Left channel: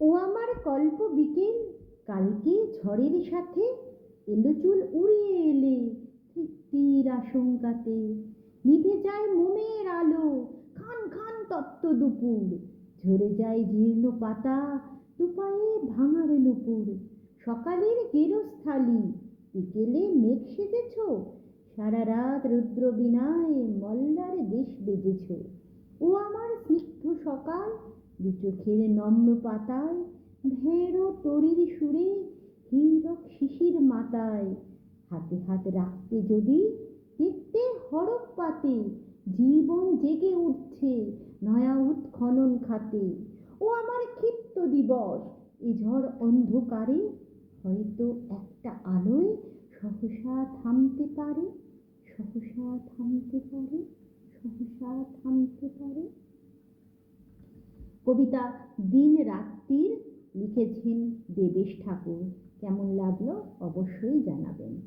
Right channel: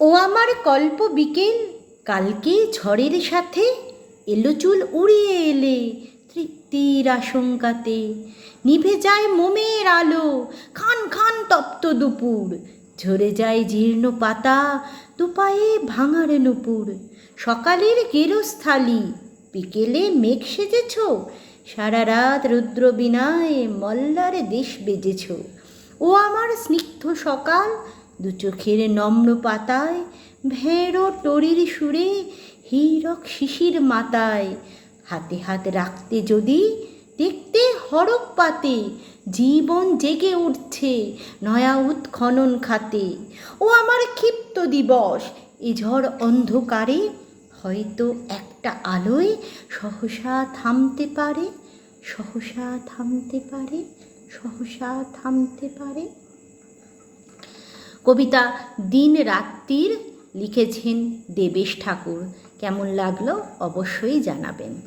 ও আমার কল্প বিকেল, কালকে ঝড়ের সাথে এলো চুল উড়িয়ে এলে তৃপ্তির আশঙ্কাতে। নিভে যায় মোমের আলো, খান খান তপ্ত দুপুর, ঝরে যায় জীর্ণ পাতা, দুপায়ে ভাঙার নুপুর। সকালের গেরস্থালি, বিকেলে মেঘ সেজেছ, সারা রাত রুদ্র বিনায় মল্লার দেশ বেজেছ। ও আমার স্নিগ্ধ সকাল, দু চোখের নম্র পাতায় ভেড়ো টরির সুরে হীরক শিশির মাতায়। হাতে হাত রাখতে যদি দেখতে হরক পাতে, জীবন জেগে উঠছে নয়া উৎখনন খাতে। ও আমার ক্ষিপ্ত দিবস, এ ঝড় অন্ধকারে হয়তো একটা আলোয় সহসা থামতে পারে, সহসা থামতে পারে, সহসা থামতে পারে। কবিতা দিন রাত্রির, লিখেছেন দেবেশ ঠাকুর। কেমন লাগলো অবশ্যই জানাবেন।